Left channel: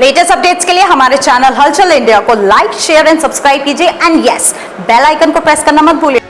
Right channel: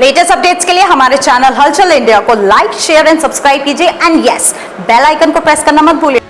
Latest updates के लिए हमारे चैनल हलचल इंडिया को लाइक, शेयर एंड सब्सक्राइब कीजिए एंड यस, बेल आइकन को प्रेस करना मत भूलिए।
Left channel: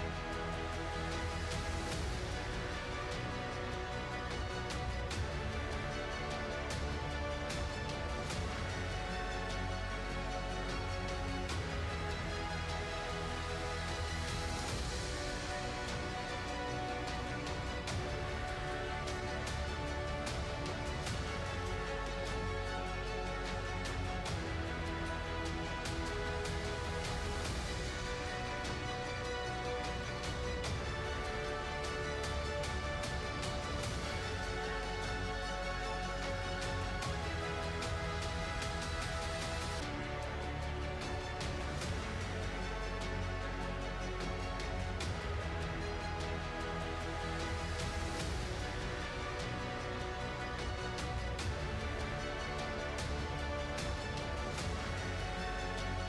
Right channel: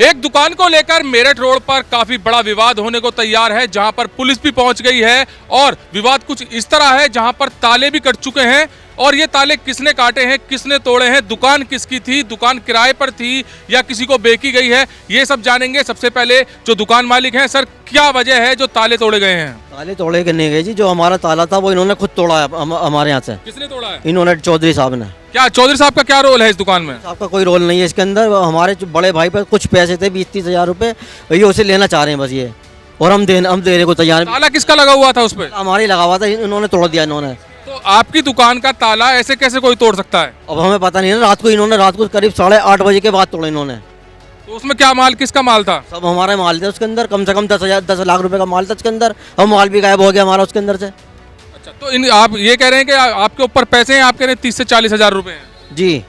एक दुकान को लेकर मेरठ रोड पर काफी बड़ा विवाद होने को तैयार है, जहां पर पुलिस भी पहुंच गई है और विवाद कुछ इस तरह है जहां पर ताले भी कट चुके हैं और ये ताले किसने काटे हैं, किसने तोड़े हैं, दुकान किसकी थी, दुकान किराए पर थी या किसी को बेची गई है, ये सब जानेंगे। सबसे पहले जो दुकान मालिक हैं, सर क्या वजह है जो ताले तोड़े गए हैं? ताले तोड़े के नहीं गए जी, जो हमारा ताला था वो इन्होंने खुद तोड़ा है हमारे यहाँ से। किसने तोड़ा है? इन्होंने, चौधरी साहब ने। क्या चौधरी साहब का क्या रोल है इस दुकान में? आपका कोई रोल नहीं है इसके अंदर। हमारे जो बड़े भाई पर कुछ पैसे थे 20-30 हजार रुपए, ये उसे लेना चाह रहे हैं बस ये, और हम देने को तैयार। ताला किसका लगा हुआ था उस पर? हमारे लगा हुआ था, इन्होंने तोड़ दिया इन्होंने। तो आपकी दुकान का ताला ऐसे कैसे कोई तोड़ सकता है? अब हमें पता नहीं है, रात को करीब 8:30 बजे के बाद तोड़ा इन्होंने। तो उसमें क्या माल, किसका माल था? सब हमारे माल थे उसके अंदर, कम से कम 10 लाख रुपए का माल था उसके अंदर। हम माल भी गायब हो गया हमारा उसके अंदर से। अच्छा, तो आप ये कह रहे हैं कि आपके ऊपर पैसे हैं, आपके 30 से 40 हजार रुपए हैं? जी।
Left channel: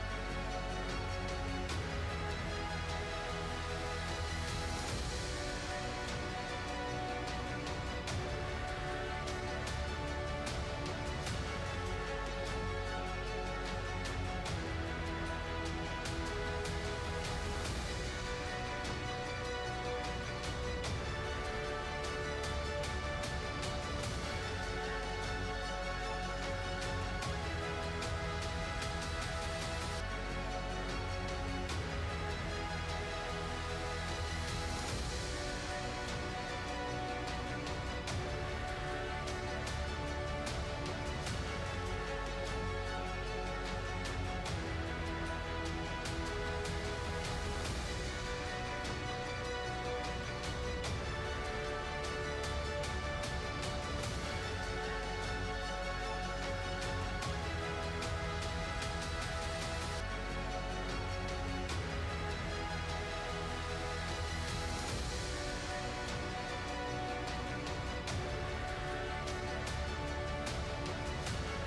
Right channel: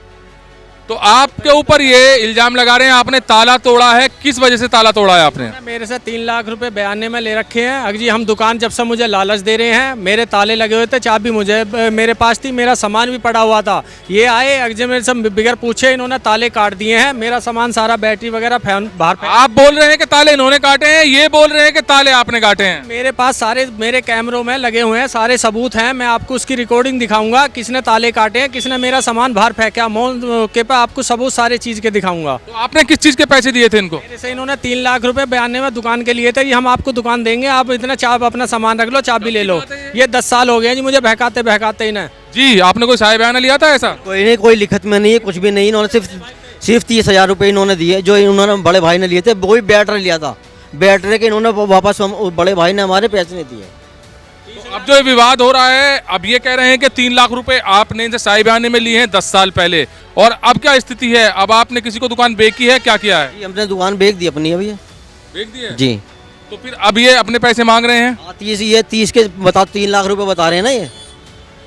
तो आपके ऊपर ये इल्जाम लगा रहे हैं आपने ताला तोड़ा है, किस वजह से ताला तोड़ा है आपने? मेरे से 3 लाख रुपए बयाने में ले रखे हैं। अगर जी हम दुकान जब से मुझे लालच दे रहे हैं, मेरे ताले लगे हुए थे, चाबी मुझे मेरे पास थी, मेरा सामान भी पड़ा हुआ था। ये आए अगर मेरे से बिगर पूछे इन्होंने ताले काट दिए हैं, मेरा सामान सारा बैटरी वगैरह बाहर। आप बोल रहे हैं कि ताले इन्होंने काटे हैं, ये बोल रहे हैं कि ताले आपने काटे हैं? मेरे पास सारे मेरे कैमरों में लगे हुए हैं, सारे सबूत हैं। मैं आपको उसकी रिकॉर्डिंग दिखाऊंगा, किसने ताले काटे हैं, किसने मेरा सामान बाहर फेंका, मौके पर आपको सबूत सारे चीज के दिखाऊंगा। तो आपने किस चीज के पैसे दिए थे इनको? जैसे इन्होंने 3 लाख रुपए बयाने में दुकान के लिए थे, ये हम आपको दुकान देंगे, आप इतना अपना सामान रख लो, चाबी ले लो। ये 10 साल हो गए जी मुझे बहकाते बहकाते इन्हें। जी, आपने कोई साहिब बयाना लिया था ऐसा? कोई नहीं, कोई लिखत में नहीं है, कुछ भी नहीं। इन्होंने सिर्फ 30 हजार रुपये इन्होंने दिए, जो इन्होंने बड़े भाई ने लिए थे। वो भी बैटरी लिया था, बैटरी के इन्होंने वापस बड़े भाई ने हमारे पैसे नहीं दिए। अब जो ये विवाद हो रहा है, अब ये कह रहे हैं कि 3 लाख रुपए आपने इनसे साहिब बयाने में लिए हैं 10 साल पहले, और अब क्या स्थिति है? अब आपने किसी को दुकान बेची है, क्या किया है? हमने दुकान बेच दी अपनी अभी। बेच दी है जी। तो फिर अब ये अपने पैसे मांग रहे हैं? 30 के बता, 3 लाख रुपए बता रहे हैं ना, ये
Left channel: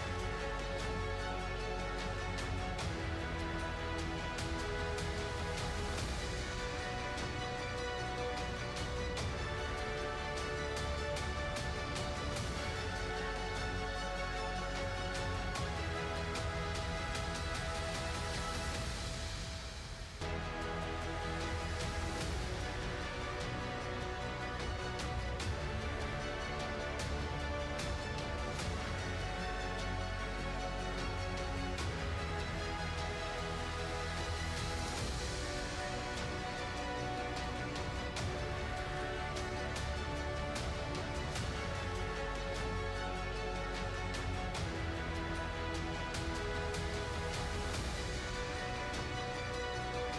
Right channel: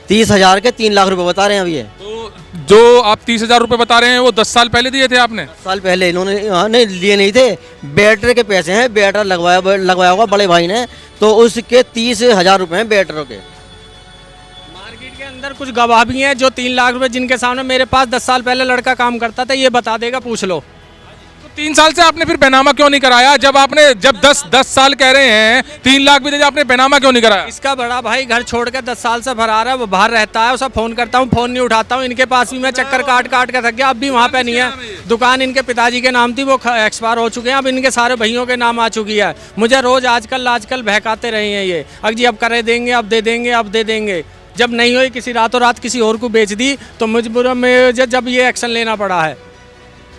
30 हजार के 3 लाख रुपए बता रहे हैं अब ये। तो जो आप 30 हजार रुपए बता रहे हैं वो 10 साल पहले दिए थे आपने? 10 साल पहले इन्होंने नहीं लिए, नहीं थे। बैटरी के पैसे हैं, बैटरी लगवाया होगा बड़े भाई ने, तो उसके 30 हजार रुपए हैं बैटरी के। मार्केट के अंदर कुछ गवाह भी हैं जो 3 लाख रुपए, जिनके सामने मेरे पास 10 साल पहले लड़का काम करता था, ये बता देगा, पूछ लो। तो 3 साल से आपने फिर बैनामा क्यों नहीं कराया? जब 10 साल कह रहे हैं, 3 लाख भी दे, आपने बैनामा क्यों नहीं कराया? इसका बड़ा भाई घर छोड़ के 10 साल से फरार है, वो बाहर रहता है, उसे फोन करता हूँ, फोन नहीं उठाता हूँ। इनके पास भी मैं चक्कर काट के थक गया, अब भी वहाँ पे नहीं है। दुकान इनके पिताजी के नाम थी, वो एक्सपायर हो चुके हैं, अब इनके सारे भाइयों के नाम आ चुकी है। मुझे रोज आजकल बहकाते रहे हैं ये, अगर जी अब करे देंगे, अब दे देंगे, अब दे देंगे। जब नहीं हुई, किसी रातों रात किसी और को बेच दी, तो मजबूर में जब ये एक्शन लेना पड़ा है।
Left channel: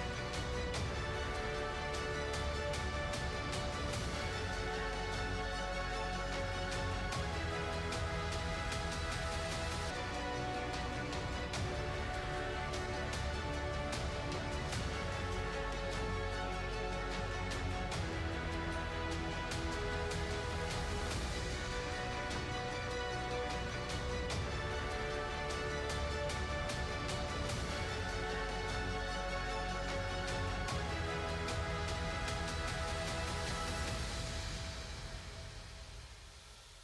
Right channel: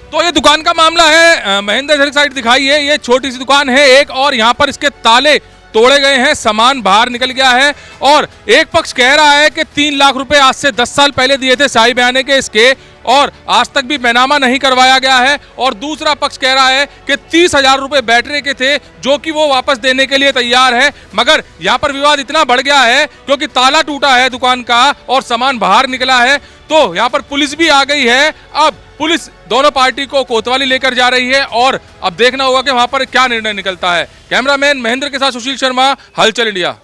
तो ये दुकान का मामला है, महेंद्र साइड दिखाई है, ये छोटी सी दुकान है एक, और यहाँ पर इसके ताले तोड़े गए हैं, सामान बाहर निकल गया है, और एक पक्ष कह रहा है कि 3 लाख रुपए आज से 10 साल पहले दिए थे साहिब बयाने के इसके, और आज तक भी बैनामा नहीं करवाया गया है, और दूसरा पक्ष कह रहा है कि 30 हजार रुपए बैटरी के थे जो कि वो वापस देने के लिए तैयार है। मगर यहाँ पर विवाद इतना बढ़ गया है क्योंकि ताला टूटा है दुकान का और सामान बाहर निकला है, तो यहाँ पर पुलिस भी आ गई है। अब पुलिस दोनों पार्टी को कोतवाली लेकर जा रही है और अब देखना होगा कि वहां पर क्या निर्णय निकलता है। कैमरामैन महेंद्र के साथ सुशील शर्मा, हलचल इंडिया।